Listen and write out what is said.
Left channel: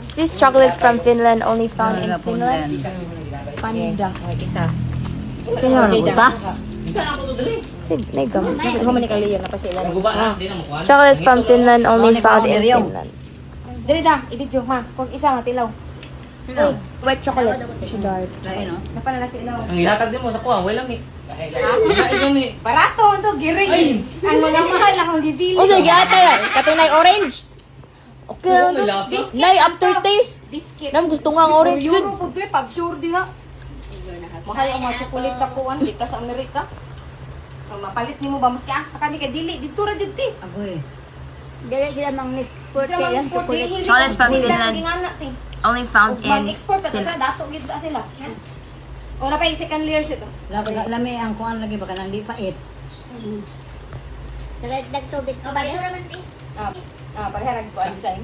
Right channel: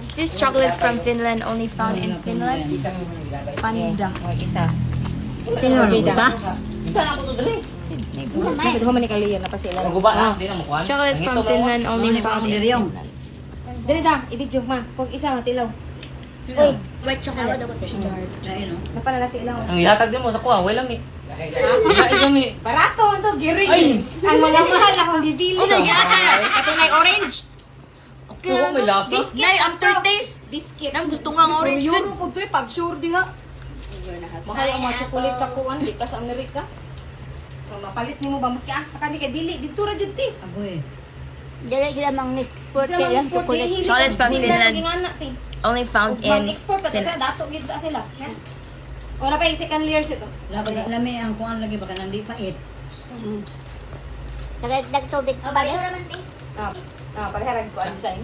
These chocolates from Finland, only found in Finland. Panda. Isa. Tingnan ba? Huwag man ni Kaliyan na pa sila. Chocolates from Finland, only found in Finland. Dali da, i-video ma. Kung isa matilaw. Uy, white chocolate. Napalala si ilaw. Ang ihatag din mo sa kuha, wala mi. Wala mi. Barato, ito, giring. Ang mga mahal akong gibili. Katunay orange. Okay, may lasa. Nay, aftertaste. Biscuit. Nam, gusto nga ang orange din. Euro po ito pag sure di nga. Mahal ang mga chocolate sa kuwan, di pa sa Amerika. Pag mapalit mo ba, maski asa ka ni kay dili, dito ra jud ti. Dili sila mang export Sila lang mag-export, chocolate. hindi Chocolates from Finland, Finland. naging anak ti. Only found in Mag-export pa sila, dato gid sa sila. O na pa yung second layers ito. Labi nami ang kuan lagi baka nang pait. Nagtubig. Pareha nagkuhan design.